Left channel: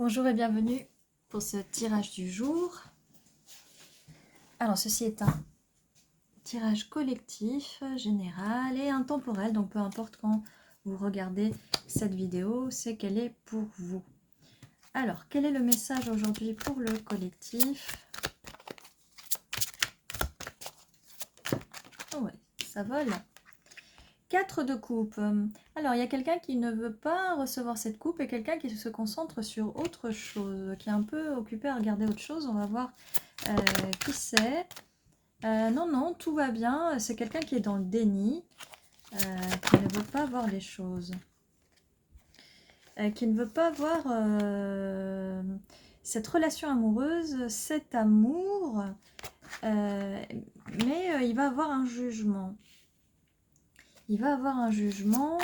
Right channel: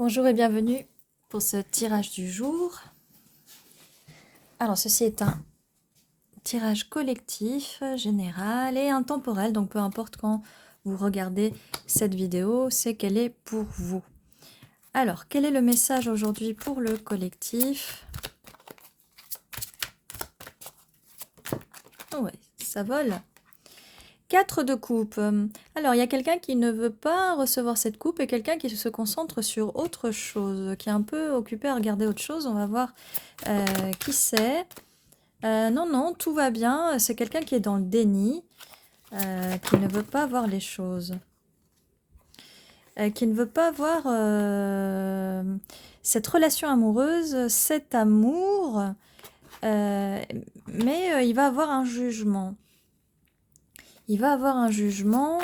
Bonjour et bienvenue pour ce tirage du jour. Alors ceci est un tirage collectif, général et intemporel, donc peu importe quand vous regardez cette vidéo, c'est qu'elle est pour vous. Alors, quel est le message aujourd'hui pour le collectif? Oh ouais, ça vole. 4 de coupe. Alors, il y a quelqu'un qui ne veut pas recevoir cette coupe et quelqu'un qui se concentre sur autre chose, qui est un peu occupé à regarder autre chose. On va voir qui c'est. Non, non, tout va bien. C'est quelqu'un qui est dans le déni, qui ne veut pas voir les choses. Qui ne veut pas voir cette relation amoureuse, cet amour, mais il va avoir un jugement. Il va avoir un jugement,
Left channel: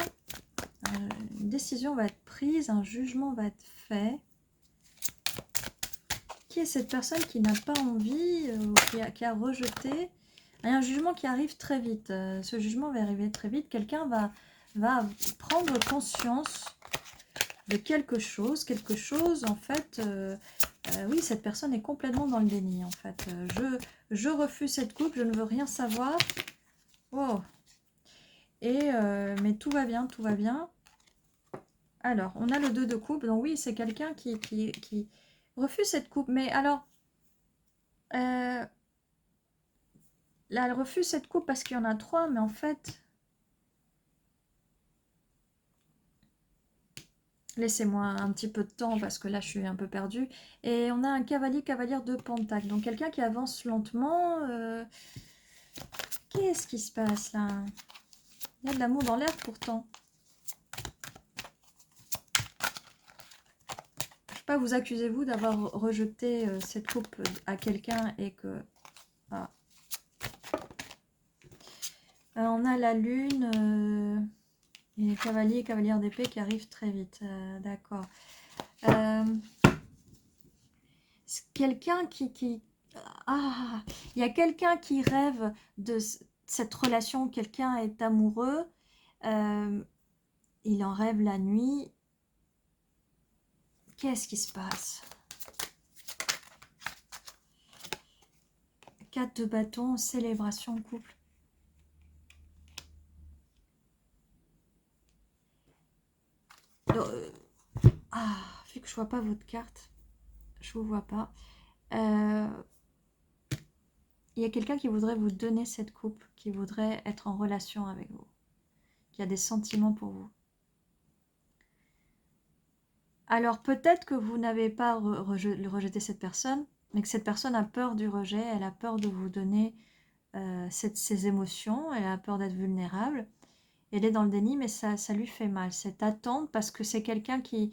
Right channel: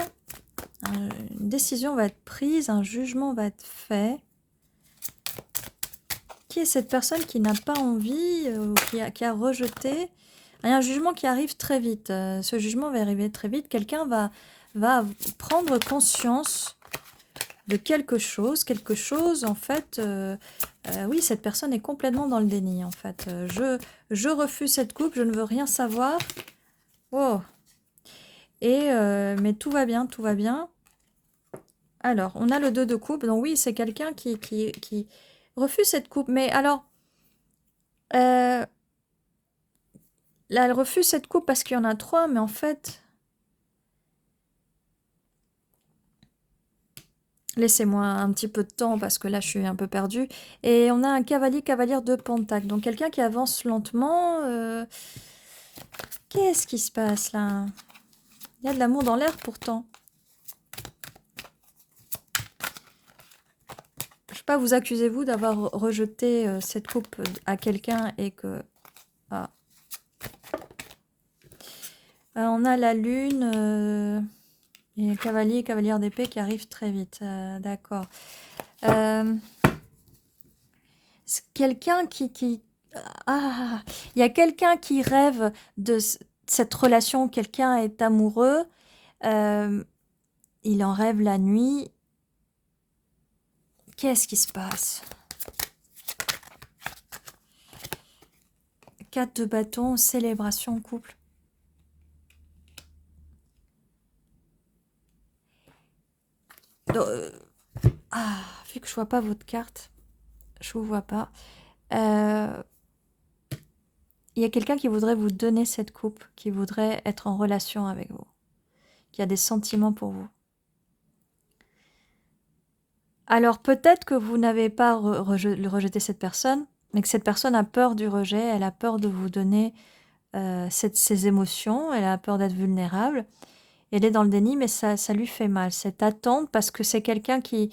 une décision va être prise, un jugement va être fait. Qui est cette personne qui n'a pas envie, qui a rejeté? Il y a un jugement qui arrive très vite. Ce jugement va arriver très vite. Quelqu'un va prendre conscience de quelque chose. Quelque chose, en fait, oui, cette personne est complètement dans le déni, en fait. Je refuse cette coupe, je ne veux rien savoir. Oh. Mais tout va bien, tout va bien. Alors, on a le 2 de coupe. Donc oui, c'est quelqu'un qui refuse cette coupe. Mais alors, là, elle refuse cette coupe parce qu'il y en a 3, mais en fait... Laissez-moi un petit peu de temps parce que là, je suis un peu perdue. Et on a un cavalier, cavalière de Pentacle. Donc, quelqu'un qui avance lentement. Qu'est-ce qui se passe là? Il y a de l'amour dans l'air pourtant. Je ne vais pas vous accuser, vous, d'avoir rejeté cette coupe à quelqu'un et que... Ah. On a la lune et le cavalier, cavalière d'épée qui arrive très vite. D'accord. C'est quelqu'un Ah, il y a quelqu'un qui rêve de cette relation, quelqu'un est amoureux, il en rêve la nuit. Qu'est-ce qui se passe? 4 de bâton, célébration, couple. Vu que je vois pas votre carte, je vous vois pas. Il y a quelqu'un qui voudrait vous donner cette coupe, qui voudrait être en relation avec vous, qui a des sentiments pour vous. Alors peut-être que vous n'avez pas rejeté cette personne, mais que cette personne a peur du rejet, elle a peur de vous donner ses émotions, elle a peur d'être vulnérable. Elle est dans le déni, mais ça lui fait mal, cette attente, parce que c'est quelqu'un qui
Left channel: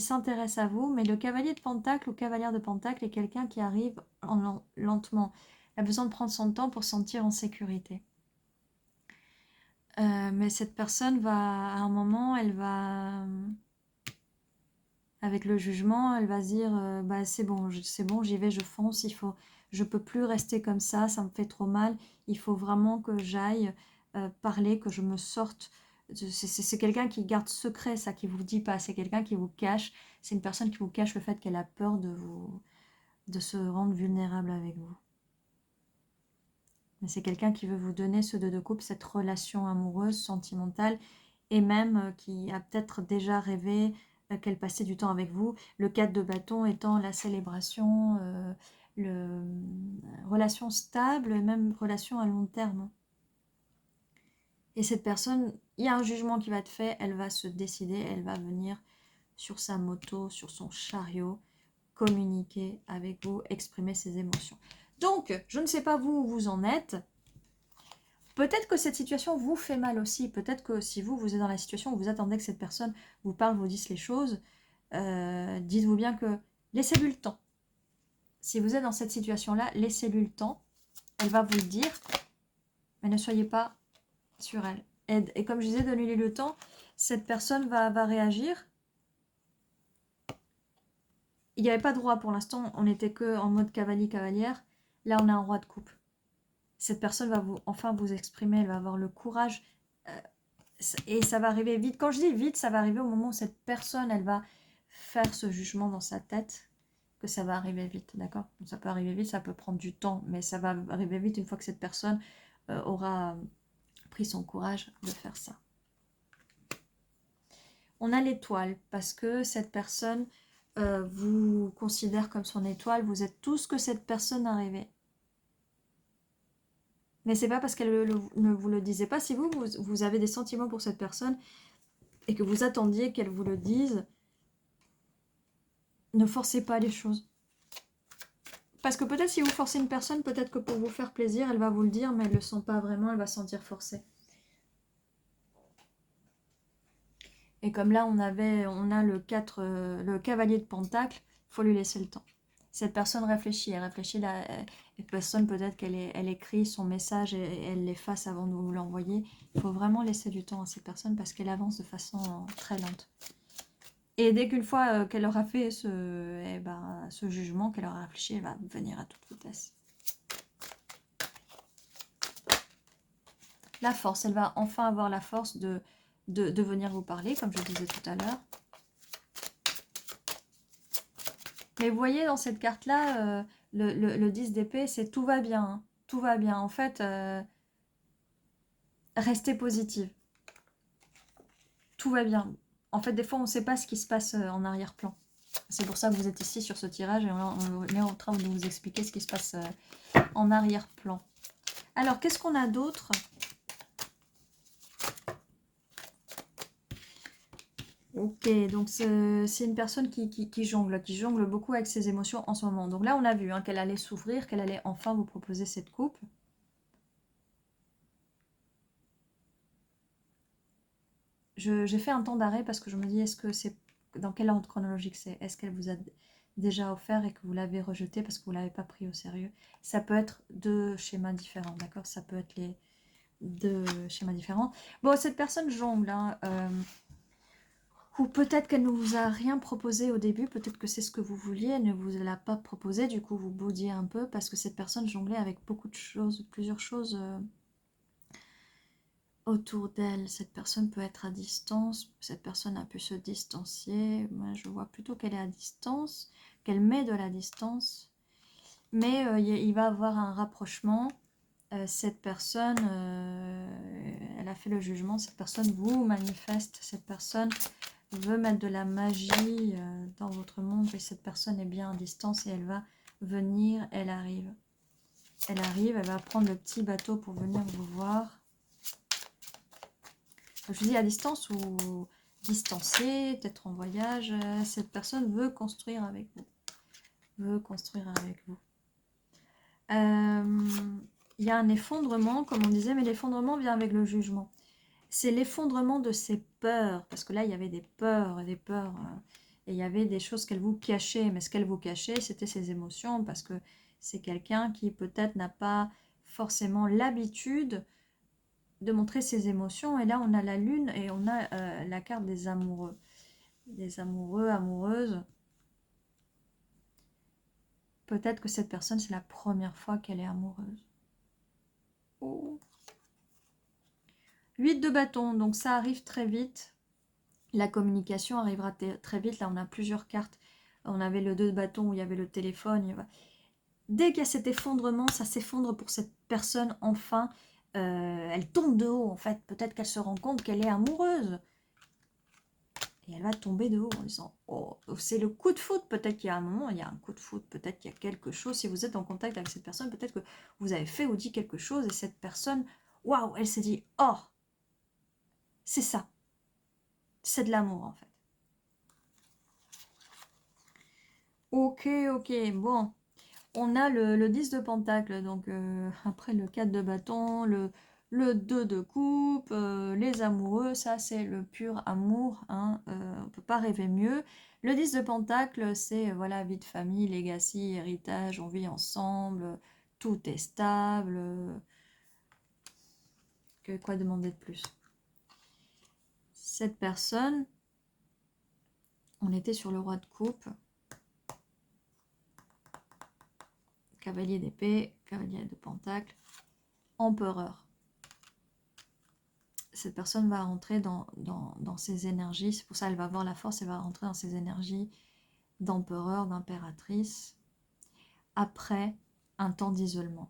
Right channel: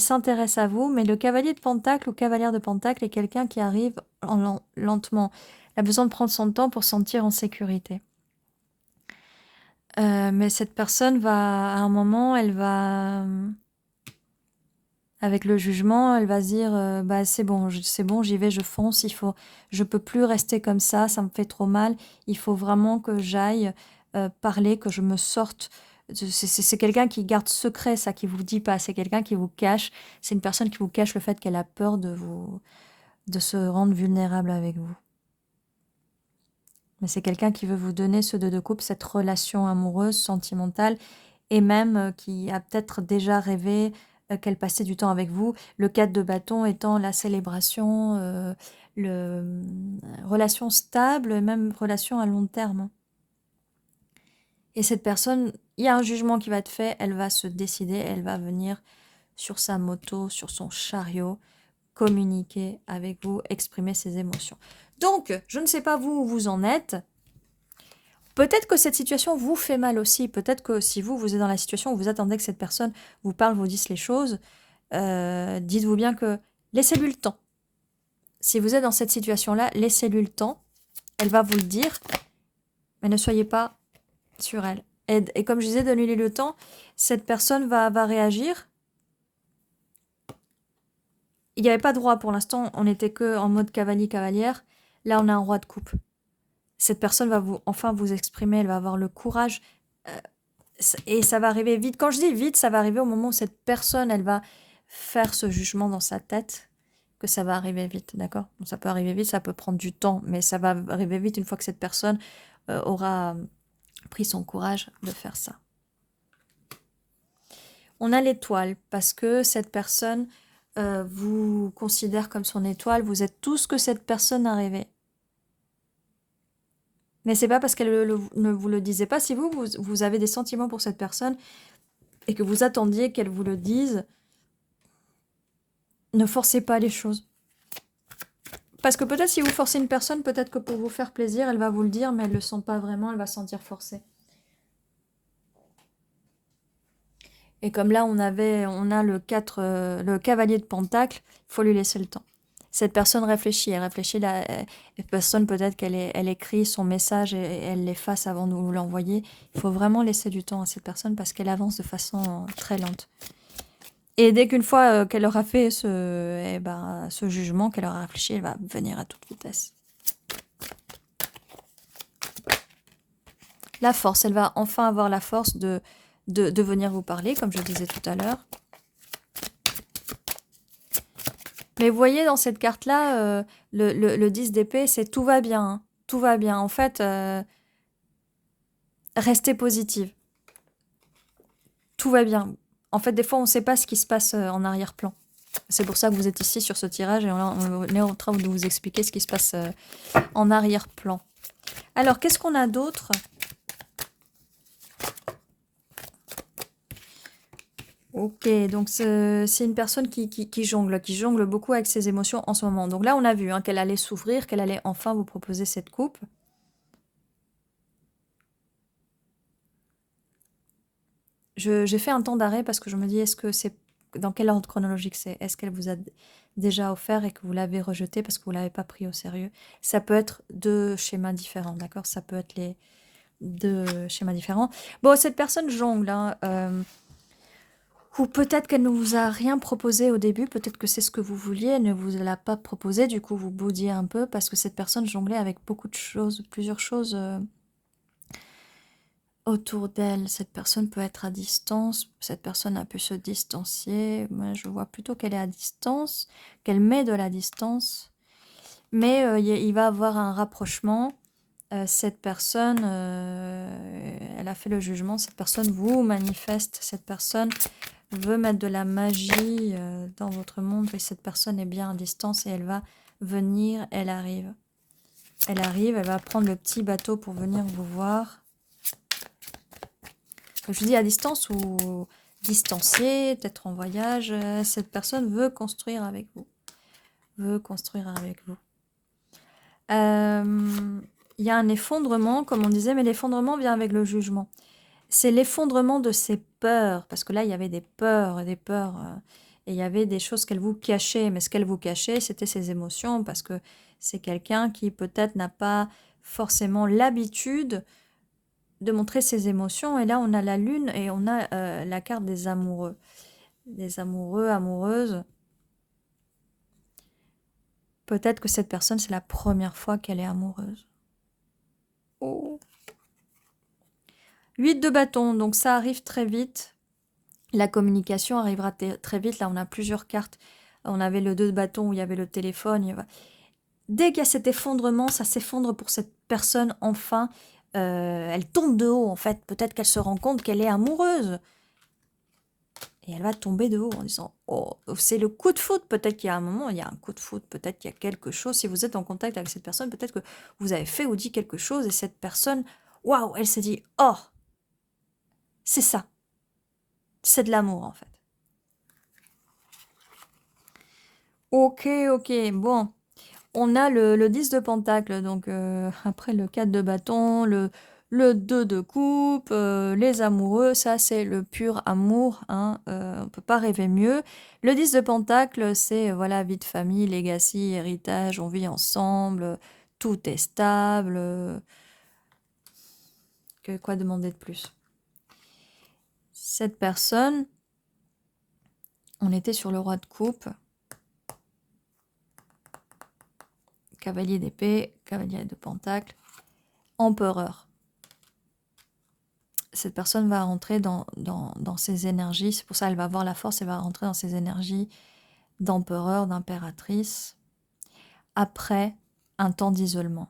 s'intéresse à vous, mais le cavalier de Pentacle ou cavalière de Pentacle est quelqu'un qui arrive lentement. Elle a besoin de prendre son temps pour se sentir en sécurité. Mais cette personne va, à un moment, elle va... Avec le jugement, elle va se dire bah c'est bon, j'y vais, je fonce, je peux plus rester comme ça me fait trop mal, il faut vraiment que j'aille parler, que je me sorte. C'est quelqu'un qui garde secret ça, qui vous dit pas, c'est quelqu'un qui vous cache, c'est une personne qui vous cache le fait qu'elle a peur de se rendre vulnérable avec vous. Mais c'est quelqu'un qui veut vous donner ce 2 de coupe, cette relation amoureuse, sentimentale, et même qui a peut-être déjà rêvé qu'elle passait du temps avec vous. Le 4 de bâton étant la célébration, relation stable, et même relation à long terme. Et cette personne, il y a un jugement qui va être fait, elle va se décider, elle va venir sur sa moto, sur son chariot, communiquer avec vous, exprimer ses émotions. Donc, je ne sais pas vous où vous en êtes. Peut-être que cette situation vous fait mal aussi. Peut-être que si vous êtes dans la situation où vous attendez que cette personne vous parle, vous dise les choses, dites-vous bien que laissez-lui le temps. Si vous êtes dans cette situation-là, laissez-lui le temps. Elle va vous le dire, mais ne soyez pas sur elle. Et comme je disais, donnez-lui le temps. Cette personne va réagir. Il n'y avait pas de roi pour l'instant. On n'était que en mode cavalier-cavalière. Là, on a un roi de coupe. Cette personne va enfin vous exprimer. Elle va avoir le courage. Et ça va arriver vite. Quand je dis vite, ça va arriver au moment où cette personne, elle va faire ce jugement dans sa tête que ça va arriver vite, d'accord? Donc ça peut arriver vite, ça peut prendre du temps, mais ça va arriver vite une fois que cette personne aura pris son courage de faire ça. On a l'étoile parce que cette personne vous considère comme son étoile, vous êtes tout ce que cette personne a rêvé. Mais c'est pas parce qu'elle ne vous le disait pas. Si vous avez des sentiments pour cette personne et que vous attendiez qu'elle vous le dise, ne forcez pas les choses. Parce que peut-être si vous forcez une personne, peut-être que pour vous faire plaisir, elle va vous le dire, mais elle ne le sent pas vraiment, elle va se sentir forcée. Et comme là, on a le cavalier de Pentacle, il faut lui laisser le temps. Cette personne réfléchit, la personne peut-être elle écrit son message et elle l'efface avant de vous l'envoyer. Il faut vraiment laisser du temps à cette personne parce qu'elle avance de façon très lente. Et dès qu'une fois qu'elle aura fait ce jugement, qu'elle aura réfléchi, elle va venir à toute vitesse. La force, elle va enfin avoir la force de venir vous parler, comme je disais tout à l'heure. Mais vous voyez, dans cette carte-là, le 10 d'épée, c'est tout va bien. Hein. Tout va bien. En fait, restez positive. Tout va bien. En fait, des fois, on ne sait pas ce qui se passe en arrière-plan. C'est pour ça que vous êtes ici sur ce tirage et on est en train de vous expliquer ce qui se passe en arrière-plan. Alors, qu'est-ce qu'on a d'autre ? Ok, donc c'est une personne qui jongle beaucoup avec ses émotions en ce moment. Donc là, on a vu hein, qu'elle allait s'ouvrir, qu'elle allait enfin vous proposer cette coupe. J'ai fait un temps d'arrêt parce que je me dis, est-ce que c'est dans quel ordre chronologique c'est? Est-ce qu'elle vous a déjà offert et que vous l'avez rejeté parce que vous ne l'avez pas pris au sérieux? Ça peut être deux schémas différents, d'accord? Ça peut être les deux schémas différents. Bon, cette personne jongle, hein, ou peut-être qu'elle ne vous a rien proposé au début, peut-être que c'est ce que vous vouliez, elle ne vous l'a pas proposé, du coup vous boudiez un peu parce que cette personne jonglait avec beaucoup de choses, plusieurs choses autour d'elle. Cette personne peut être à distance, cette personne a pu se distancier. Moi je vois plutôt qu'elle est à distance, qu'elle met de la distance, mais il va avoir un rapprochement. Cette personne, elle a fait le jugement, cette personne vous manifeste, cette personne veut mettre de la magie dans votre monde et cette personne est bien à distance et elle va venir, elle arrive. Elle arrive, elle va prendre le petit bateau pour venir vous voir. Je dis à distance ou distancié, peut-être en voyage. Cette personne veut construire avec vous. Veut construire avec vous. Il y a un effondrement, comme on disait, mais l'effondrement vient avec le jugement. C'est l'effondrement de ses peurs, parce que là, il y avait des peurs, et il y avait des choses qu'elle vous cachait, mais ce qu'elle vous cachait, c'était ses émotions, parce que c'est quelqu'un qui peut-être n'a pas forcément l'habitude de montrer ses émotions, et là, on a la lune, et on a la carte des amoureux, amoureuses. Peut-être que cette personne, c'est la première fois qu'elle est amoureuse. Oh. 8 de bâton, donc ça arrive très vite. La communication arrivera très vite. Là, on a plusieurs cartes. On avait le 2 de bâton où il y avait le téléphone. Dès qu'il y a cet effondrement, ça s'effondre pour cette personne. Enfin, elle tombe de haut, en fait. Peut-être qu'elle se rend compte qu'elle est amoureuse. Et elle va tomber de haut en disant « Oh, c'est le coup de foudre ». Peut-être qu'il y a un moment, il y a un coup de foudre. Peut-être qu'il y a quelque chose. Si vous êtes en contact avec cette personne, peut-être que vous avez fait ou dit quelque chose. Et cette personne, waouh, elle s'est dit « Oh ». C'est ça. C'est de l'amour, en fait. Ok, bon. On a le 10 de pentacle, donc après le 4 de bâton, le 2 de coupe, les amoureux, ça c'est le pur amour, hein, on ne peut pas rêver mieux. Le 10 de pentacle, c'est voilà, vie de famille, legacy, héritage, on vit ensemble, tout est stable. Quoi demander de plus? Cette personne, on était sur le roi de coupe. Cavalier d'épée, cavalier de pentacle, empereur. cette personne va rentrer dans ses énergies. C'est pour ça qu'elle va avoir la force, elle va rentrer dans ses énergies d'empereur, d'impératrice, après un temps d'isolement.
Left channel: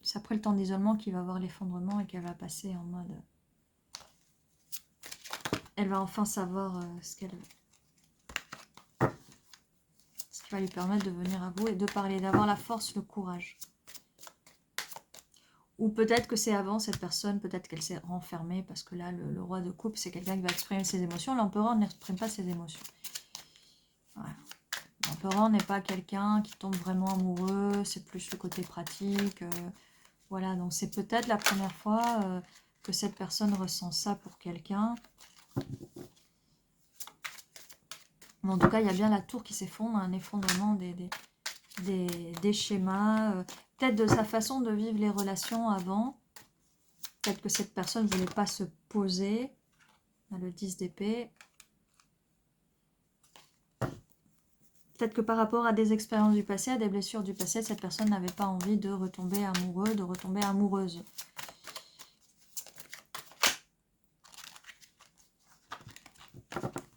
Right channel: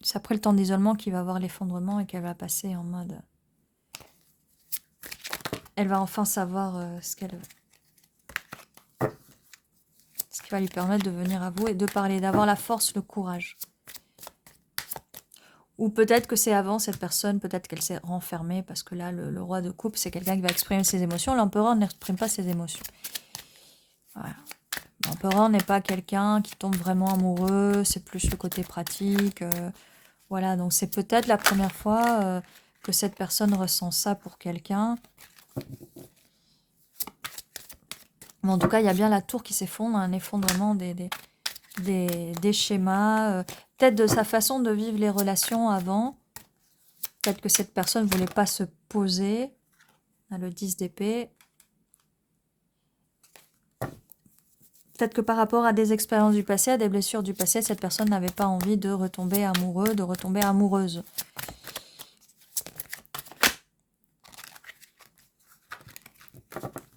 C'est après le temps d'isolement qu'il va avoir l'effondrement et qu'elle va passer en mode... Elle va enfin savoir ce qui va lui permettre de venir à vous et de parler, d'avoir la force, le courage. Ou peut-être que c'est avant cette personne, peut-être qu'elle s'est renfermée, parce que là, le roi de coupe, c'est quelqu'un qui va exprimer ses émotions. L'empereur n'exprime pas ses émotions. Voilà. L'empereur n'est pas quelqu'un qui tombe vraiment amoureux, c'est plus le côté pratique. Voilà, donc c'est peut-être la première fois que cette personne ressent ça pour quelqu'un. Mais en tout cas, il y a bien la tour qui s'effondre, un effondrement des schémas, peut-être de sa façon de vivre les relations avant. Peut-être que cette personne ne voulait pas se poser. Le 10 d'épée. Peut-être que par rapport à des expériences du passé, à des blessures du passé, cette personne n'avait pas envie de retomber amoureux, de retomber amoureuse.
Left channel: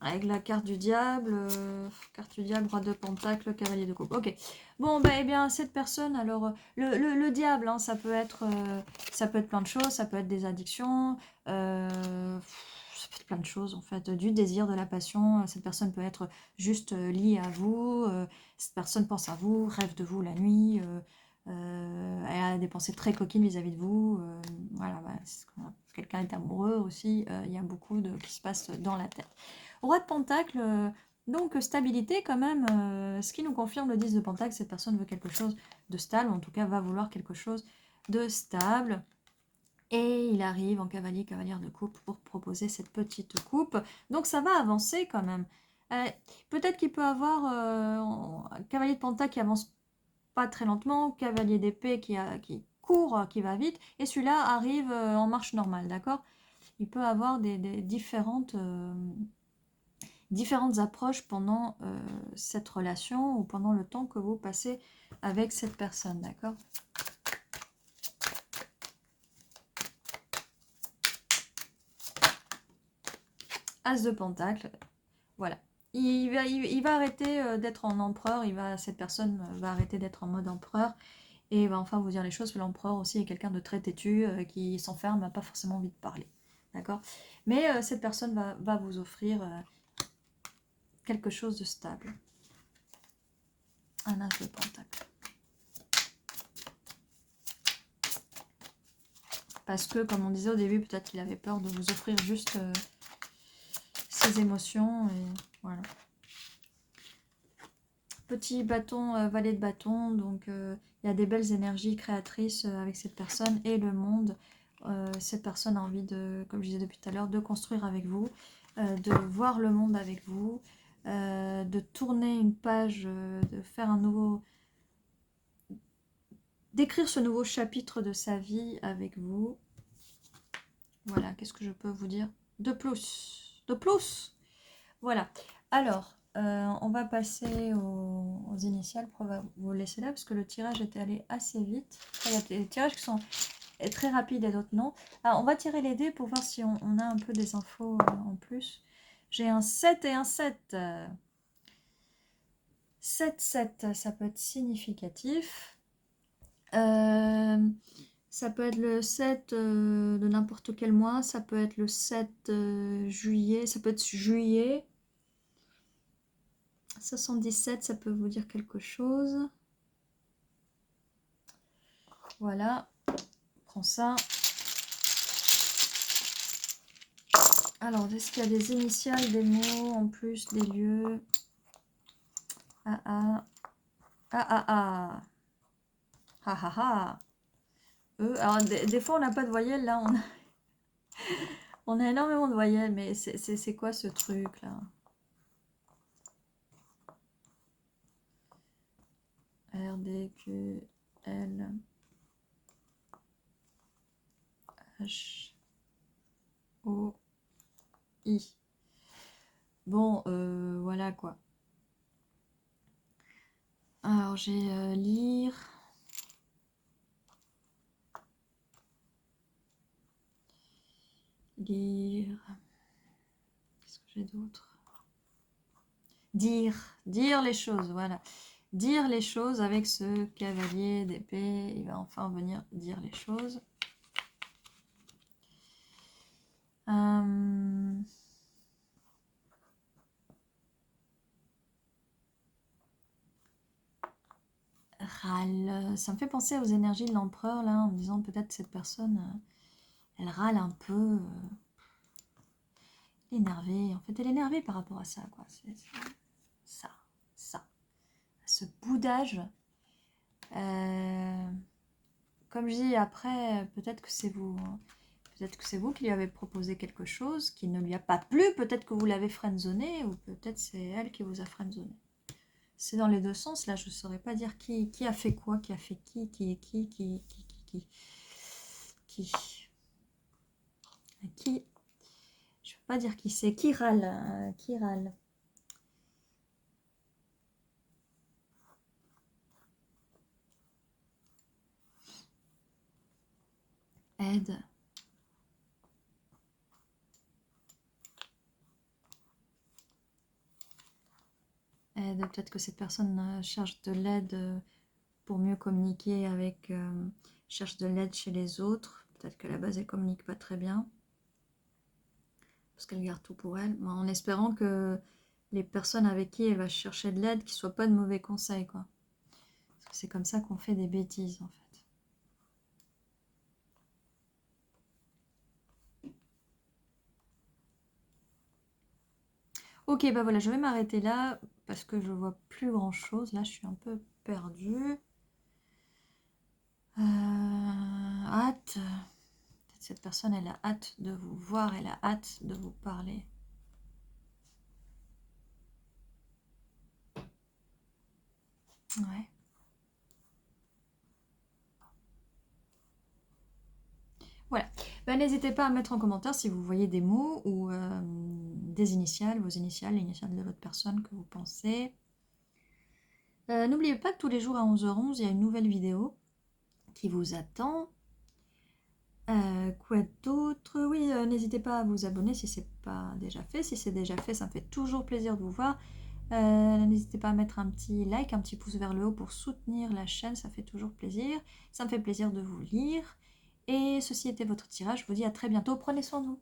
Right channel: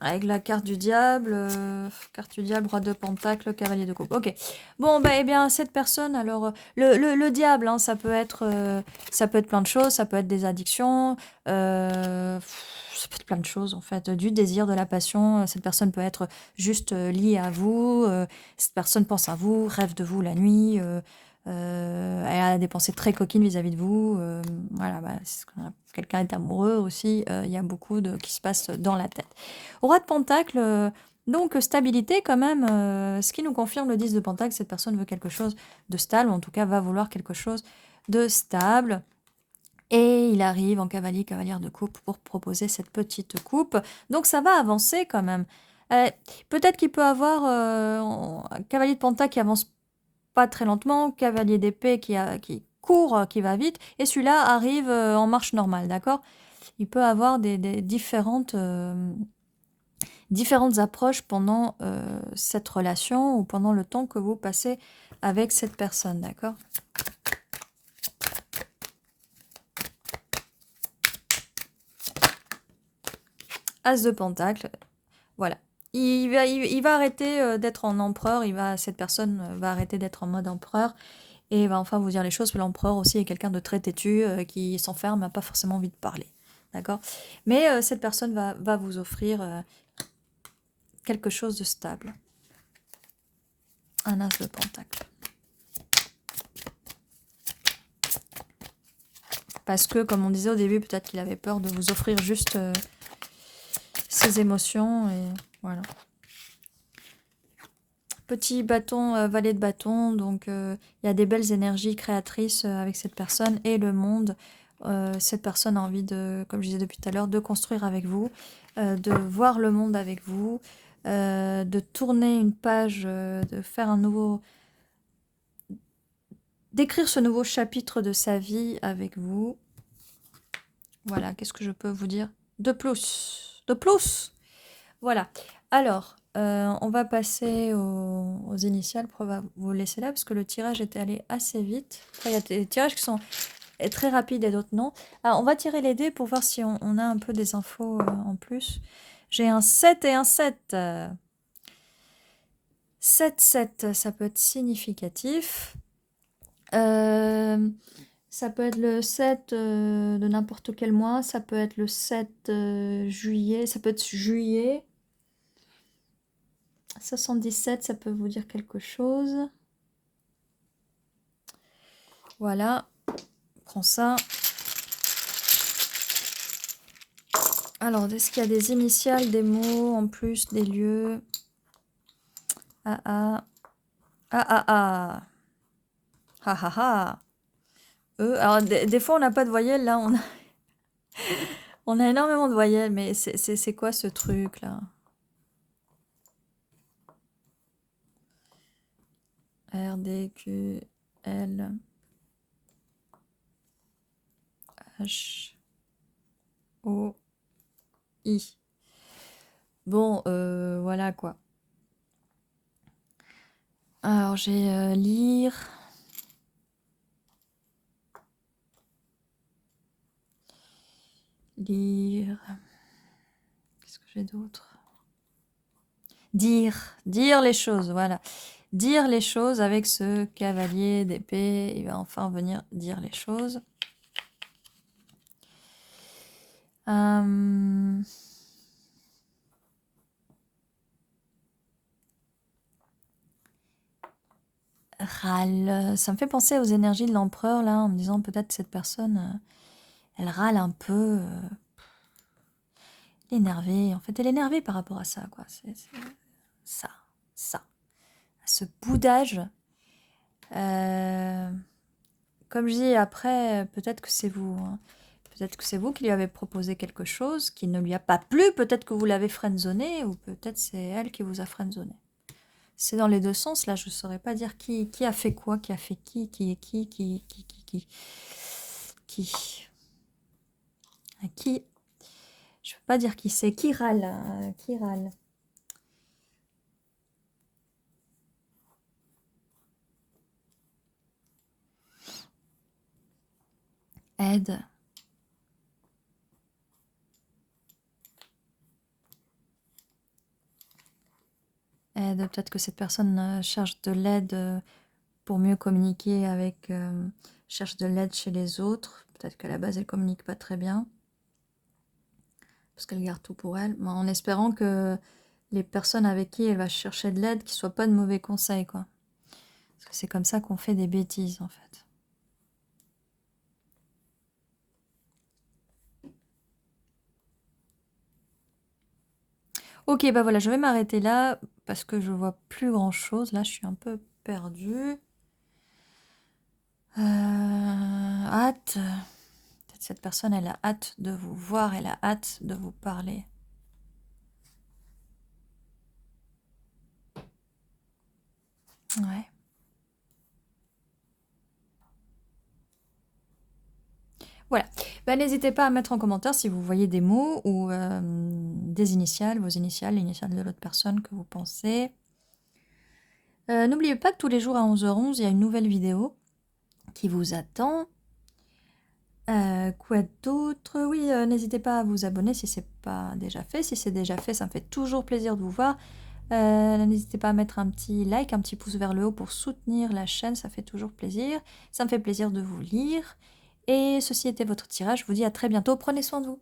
Avec la carte du diable, roi de pentacle, cavalier de coupe. Ok. Bon, bah, eh bien, cette personne, alors, le diable, hein, ça peut être plein de choses, ça peut être des addictions, ça peut être plein de choses, en fait, du désir, de la passion. Cette personne peut être juste liée à vous, cette personne pense à vous, rêve de vous la nuit, elle a des pensées très coquines vis-à-vis de vous. Voilà, bah, quelqu'un est amoureux aussi, il y a beaucoup qui se passe dans la tête. Roi de Pentacle, donc stabilité quand même, ce qui nous confirme le 10 de Pentacle, cette personne veut quelque chose de stable, ou en tout cas va vouloir quelque chose de stable. Et il arrive en cavalière de coupe pour proposer cette petite coupe. Donc ça va avancer quand même. Peut-être qu'il peut avoir un cavalier de Pentacle qui avance pas très lentement, cavalier d'épée qui court, qui va vite, et celui-là arrive en marche normale, d'accord? Il peut avoir des différentes approches pendant cette relation ou pendant le temps que vous passez avec cette personne, d'accord? As de Pentacle, voilà. Il va arrêter d'être en empereur, cette personne va arrêter d'être en mode empereur et va enfin vous dire les choses. L'empereur aussi est quelqu'un de très têtu, qui s'enferme, n'a pas forcément envie de parler, d'accord? Mais cette personne va vous offrir quelque chose de stable. Un as de Pentacle. Parce que, comme on disait au début, peut-être qu'il avait peur de vous offrir juste ses émotions. Et voilà. Petit bâton, valet de bâton. Donc, il y a des belles énergies créatrices avec cette personne et le monde. Cette personne a envie de, comme je disais depuis tout à l'heure, de construire avec vous, de voir le monde avec vous, de tourner une page, de faire un nouveau... d'écrire ce nouveau chapitre de sa vie avec vous. Voilà, qu'est-ce que je peux vous dire de plus? De plus! Voilà. Alors, on va passer aux initiales. On va vous laisser là parce que le tirage était allé assez vite. Après, il y a des tirages qui sont très rapides et d'autres non. Alors, on va tirer les dés pour voir si on a un peu des infos en plus. J'ai un 7 et un 7. 7, ça peut être significatif. Ça peut être le 7 de n'importe quel mois, ça peut être le 7 juillet, ça peut être juillet. 77, ça peut vous dire quelque chose. Voilà, prends ça. Alors, est-ce qu'il y a des initiales, des mots en plus, des lieux? Ah ah. Ah ah ah. Ah ah ah. Alors, des fois, on n'a pas de voyelles, là, on a énormément de voyelles, mais c'est quoi ce truc, là? R, D, Q, L, H, O, I. Bon, voilà, quoi. Alors, j'ai lire... lire. Qu'est-ce que j'ai d'autre? Dire les choses, voilà. Dire les choses avec ce cavalier d'épée. Il va enfin venir dire les choses. Râle. Ça me fait penser aux énergies de l'empereur, là, en me disant peut-être cette personne, elle râle un peu. Énervée. En fait, elle est énervée par rapport à ça, quoi. C'est ça. Ce boudage. Comme je dis, après, peut-être que c'est vous. Hein. Peut-être que c'est vous qui lui avez proposé quelque chose qui ne lui a pas plu. Peut-être que vous l'avez friendzoné ou peut-être c'est elle qui vous a friendzoné. C'est dans les deux sens. Là, je ne saurais pas dire qui a fait quoi, qui a fait qui est qui. À qui. Je ne peux pas dire qui c'est. Qui râle. Qui râle. Aide. Peut-être que cette personne cherche de l'aide pour mieux communiquer avec... cherche de l'aide chez les autres. Peut-être qu'à la base, elle communique pas très bien. Parce qu'elle garde tout pour elle. Mais en espérant que les personnes avec qui elle va chercher de l'aide, qu'ils ne soient pas de mauvais conseils, quoi. Parce que c'est comme ça qu'on fait des bêtises, en fait. Ok, bah voilà, je vais m'arrêter là parce que je vois plus grand chose. Là, je suis un peu perdue. Hâte. Peut-être cette personne, elle a hâte de vous voir, elle a hâte de vous parler. Ouais. Voilà. Bah, n'hésitez pas à mettre en commentaire si vous voyez des mots ou des initiales, vos initiales, l'initiale de l'autre personne que vous pensez. N'oubliez pas que tous les jours à 11h11, il y a une nouvelle vidéo qui vous attend. Quoi d'autre? Oui, n'hésitez pas à vous abonner si c'est pas déjà fait. Si c'est déjà fait, ça me fait toujours plaisir de vous voir. N'hésitez pas à mettre un petit like, un petit pouce vers le haut pour soutenir la chaîne, ça fait toujours plaisir. Ça me fait plaisir de vous lire. Et ceci était votre tirage, je vous dis à très bientôt, prenez soin de vous.